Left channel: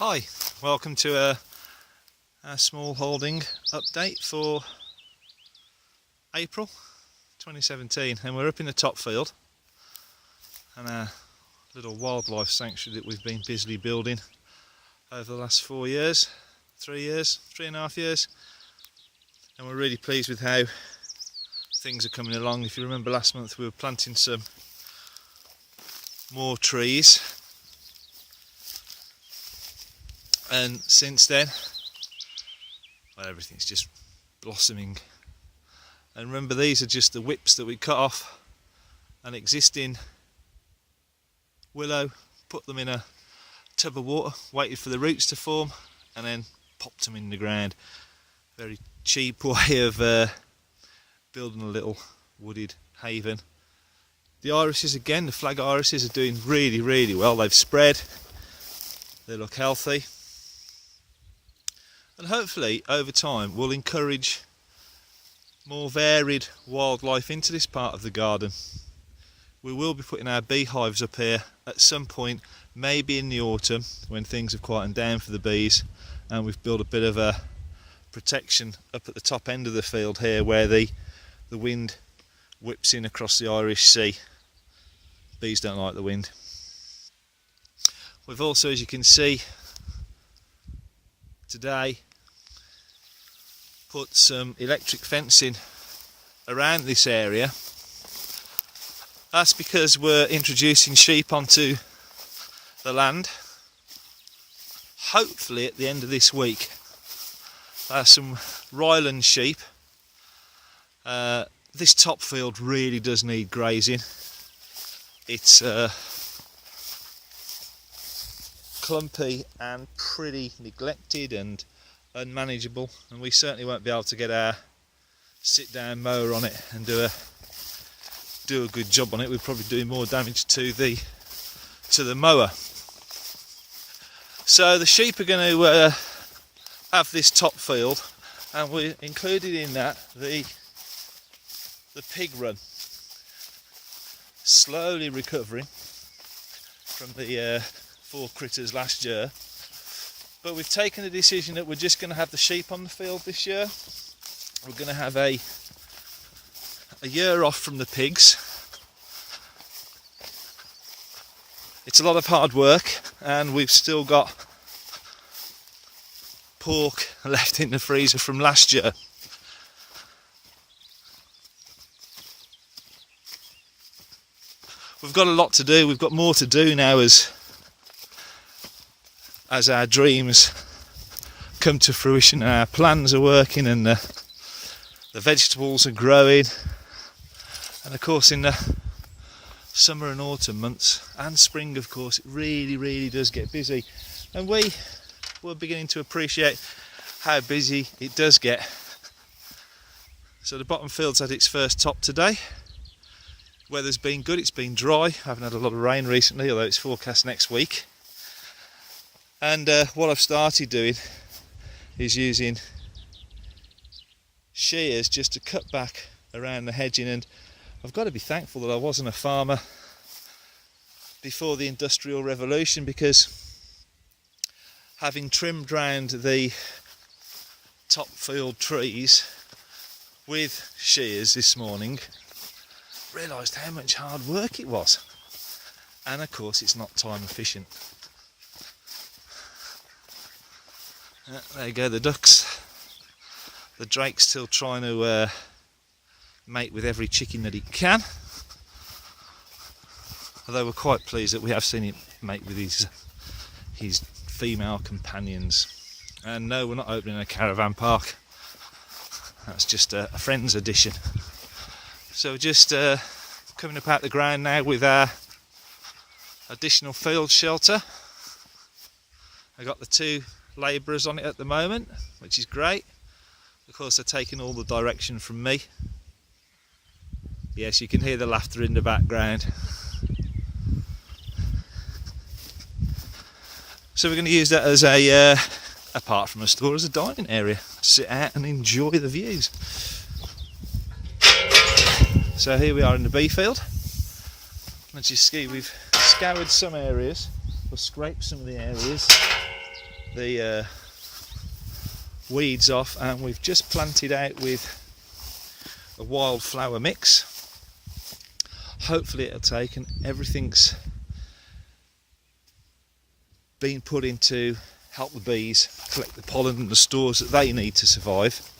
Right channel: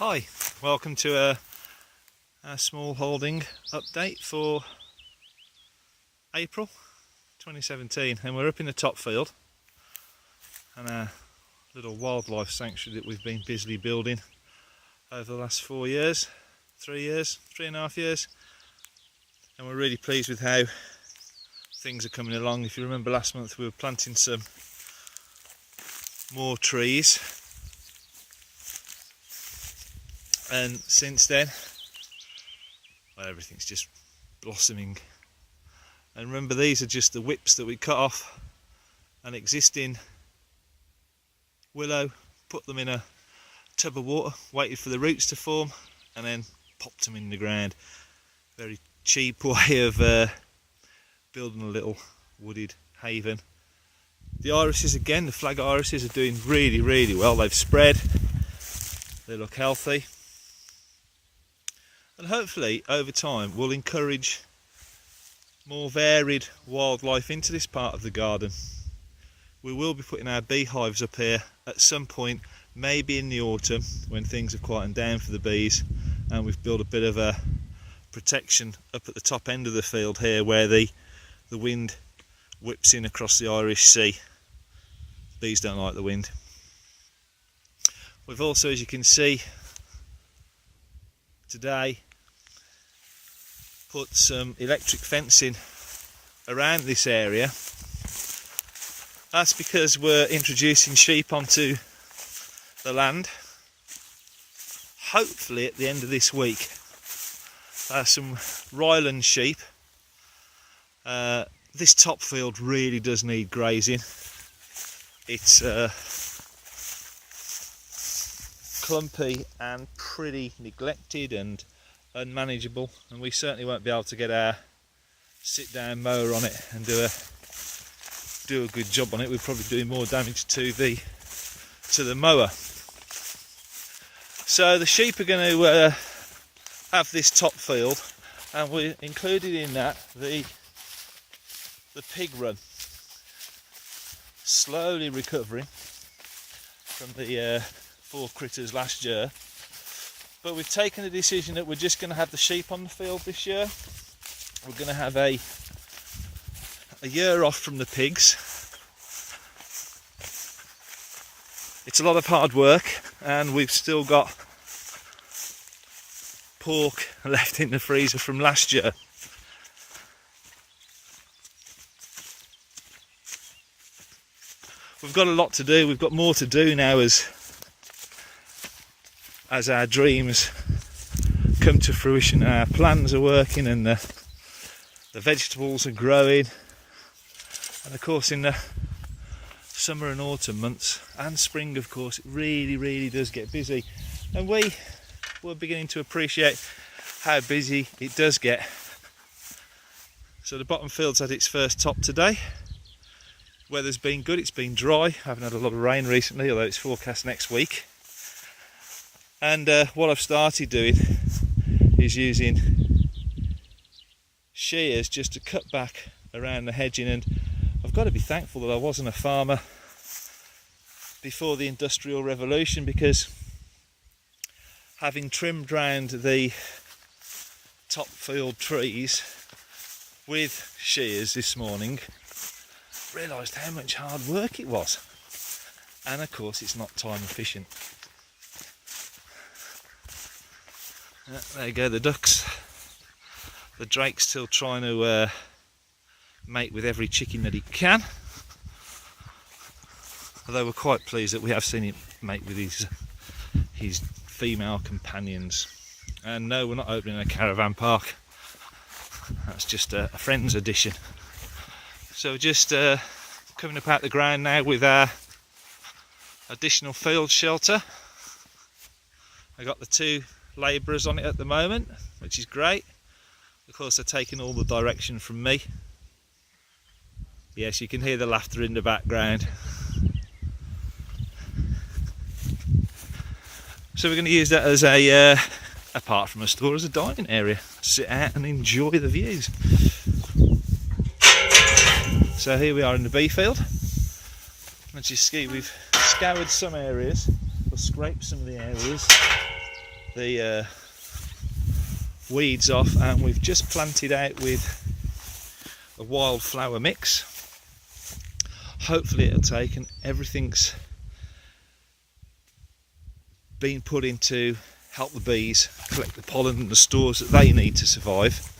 Hi, welcome to a smallholding update for April 2017, and we're up in the top field and a little wildlife sanctuary that we've been busily building over the last 4 years, 3 and a half years, and we're really pleased with how things are coming along. If you remember last month we were planting some more trees, and since then everything's just blossoming. And remember, these are just the whips that we cut off an existing willow, put them in a tub of water, waited for the roots to form, and then popped them in the ground. Very cheap way of building a little wooded haven. The irises, again, the flag irises are doing really well. They've spread, they look healthy, and hopefully over time we'll encourage more varied wildlife into this part of the garden. We will be putting our beehives up here at some point, maybe in the autumn when things have quietened down for the bees, and we've built a bit of a protection up at the top end of the field here where the wind whips in across the Irish Sea. The bees don't like the wind. We've also, as you can see today, put some electric fencing around this area. That's because we're introducing sheep onto the land. Hopefully at the end of this week, some Ryland sheep. This top field really does need grazing. It's clumpy and pretty neglected and unmanageable, and we certainly won't be able to get our sit-down mower on it and do a good job on it. We're probably doing more damage to the mower. So the sheep are going to have this top field, and we're including in that the pig run, slowly recovering from the poor critters last year. But we've taken a decision that we're just going to have the sheep on the field this year. We're going to have a year off from the pigs. It's a lot of hard work, and we've still got pork left in the freezer from last year. We've got a lot to do. We've got more to do now as our dreams come to fruition and our plans are working, and the vegetables are growing. And of course in the summer and autumn months, and spring of course, it really does get busy, and we're beginning to appreciate how busy it does get. So the bottom field's had its first top today. Weather's been good, it's been dry, haven't had a lot of rain recently, although it's forecast next week. And what I've started doing is using shears just to cut back around the hedging, and I've got to be thankful I wasn't a farmer before the Industrial Revolution, because having trimmed round the top field trees with shears this morning, I realised how much hard work it was, and of course it's not time efficient. There you go, the ducks. The drake's still trying to mate with every chicken that he can. Although we're quite pleased that we have seen him mate with his female companions. And no, we're not opening a caravan park. It's just a friend's edition. So we're just coming about the ground now with our additional field shelter. We've got the two labourers on it at the moment, which is great. Of course they're taking all the direction from me. Yes, you can hear the laughter in the background. So we're going to use that as apart from a store, as a dining area. Sit out and enjoy the views. So here we are in the bee field. As you see, we've scoured some areas, scraped some of the areas, flower mix. Hopefully it'll take everything's been put in to help the bees collect the pollen and the stores that they need to survive.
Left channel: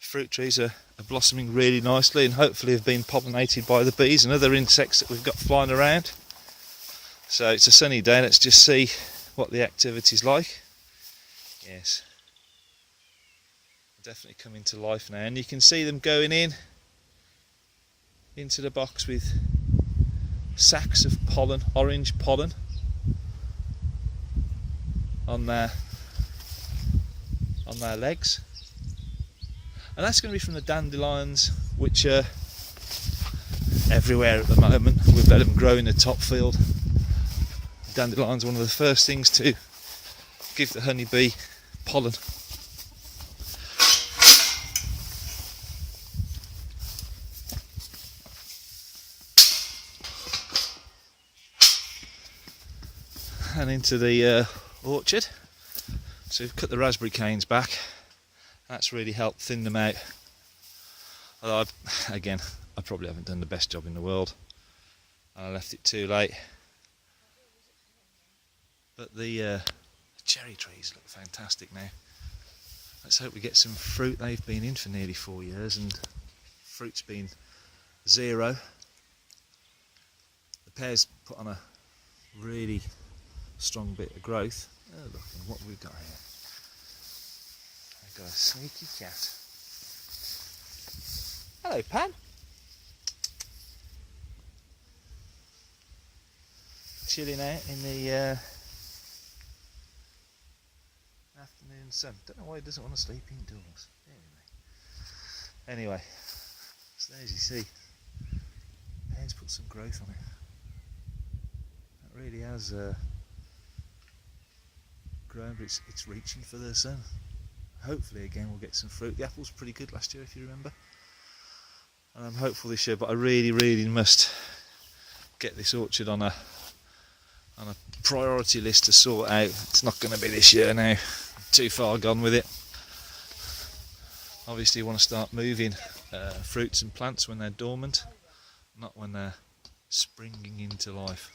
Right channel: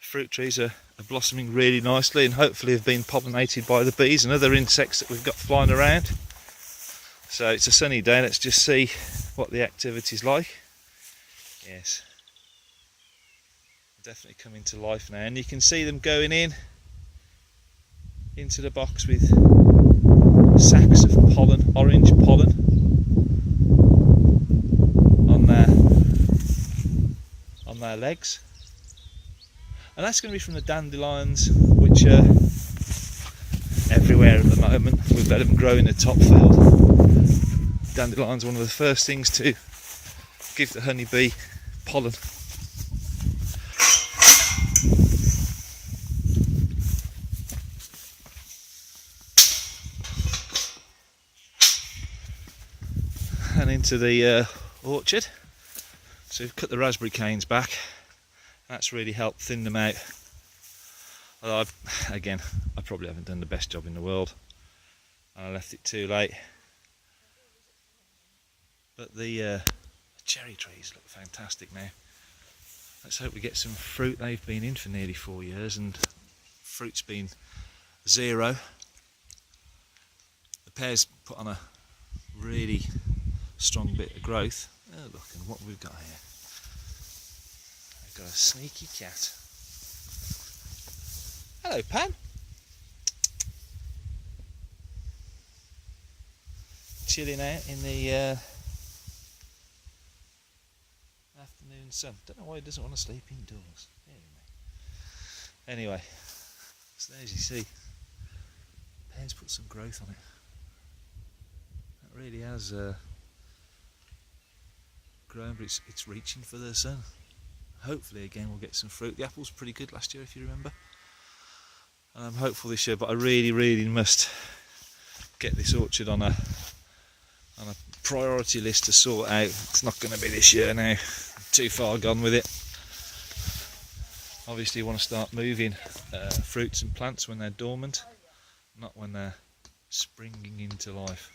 Fruit trees are blossoming really nicely and hopefully have been pollinated by the bees and other insects that we've got flying around. So it's a sunny day, let's just see what the activity's like. Yes, definitely coming to life now, and you can see them going into the box with sacks of pollen, orange pollen on their legs. And that's going to be from the dandelions, which are everywhere at the moment. We've let them grow in the top field. Dandelions are one of the first things to give the honeybee pollen. To the orchard, so we've cut the raspberry canes back. That's really helped thin them out. Although I probably haven't done the best job in the world. I left it too late. But the cherry trees look fantastic now. Let's hope we get some fruit. They've been in for nearly 4 years and fruit's been 0. The pears put on a really strong bit of growth. Oh, look at what we've got here. We've got a sneaky cat. Hello, Pat. Chilling out in the afternoon sun. Don't know why he doesn't want to sleep indoors. Anyway, as you see, he's put some growth on it. It really has it's reaching for the sun. Hopefully again we'll get some fruit. The apple was pretty good last year, if you remember. Hopeful this year, but I really must get this orchard on a priority list to sort out. It's not going to be this year now. Too far gone with it. Obviously you want to start moving fruits and plants when they're dormant, not when they're springing into life.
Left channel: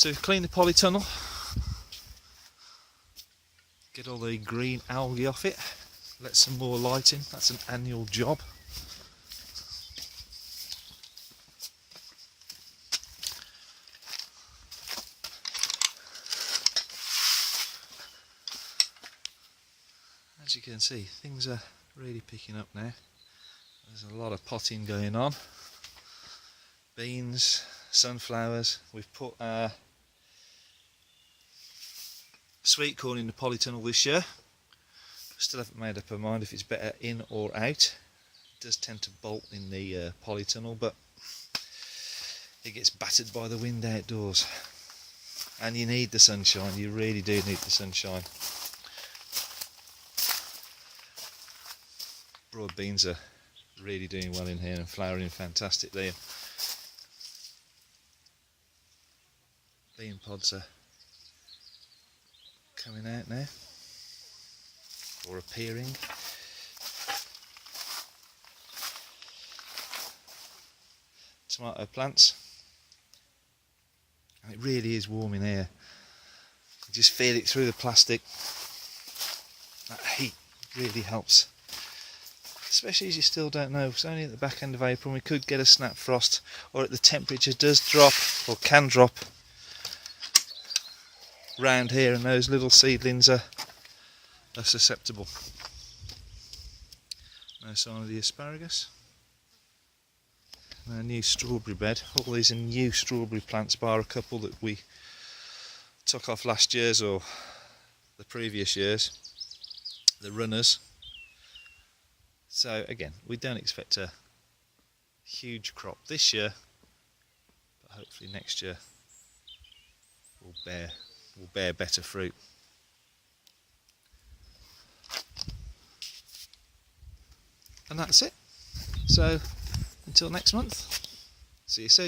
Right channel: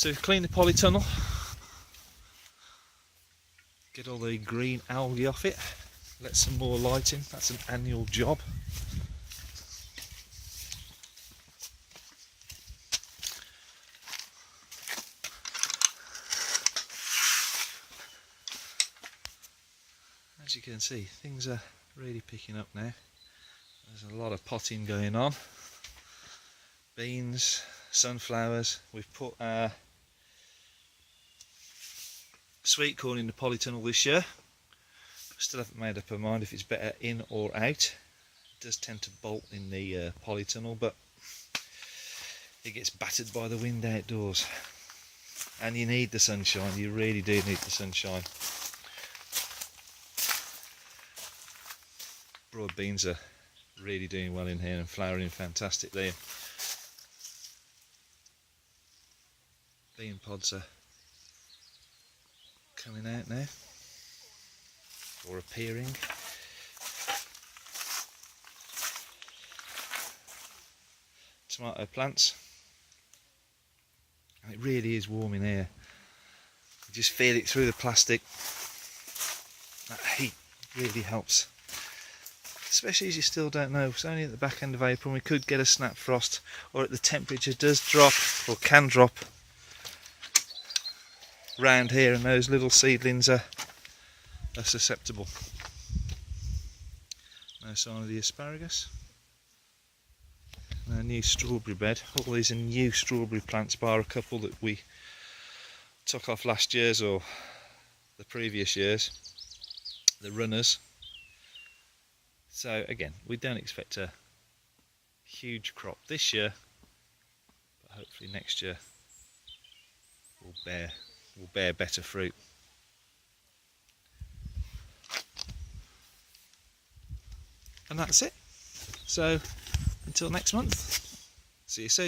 So clean the polytunnel, get all the green algae off it, let some more light in, that's an annual job. As you can see, things are really picking up now. There's a lot of potting going on. Beans, sunflowers, we've put sweet corn in the polytunnel this year. Still haven't made up our mind if it's better in or out. It does tend to bolt in the polytunnel, but it gets battered by the wind outdoors. And you need the sunshine, you really do need the sunshine. Broad beans are really doing well in here and flowering fantastically. Lean pods are coming out now, or appearing. Tomato plants. It really is warm in here. Just feel it through the plastic. The heat really helps. Especially as you still don't know, it's only at the back end of April, we could get a snap frost, or the temperature does drop, or can drop. Round here, and those little seedlings are susceptible. There's the asparagus. A new strawberry bed. All these new strawberry plants, bar a couple that we took off last year's or the previous year's, the runners. So again, we don't expect a huge crop this year, but hopefully next year bear better fruit. And that's it. So until next month, see you soon.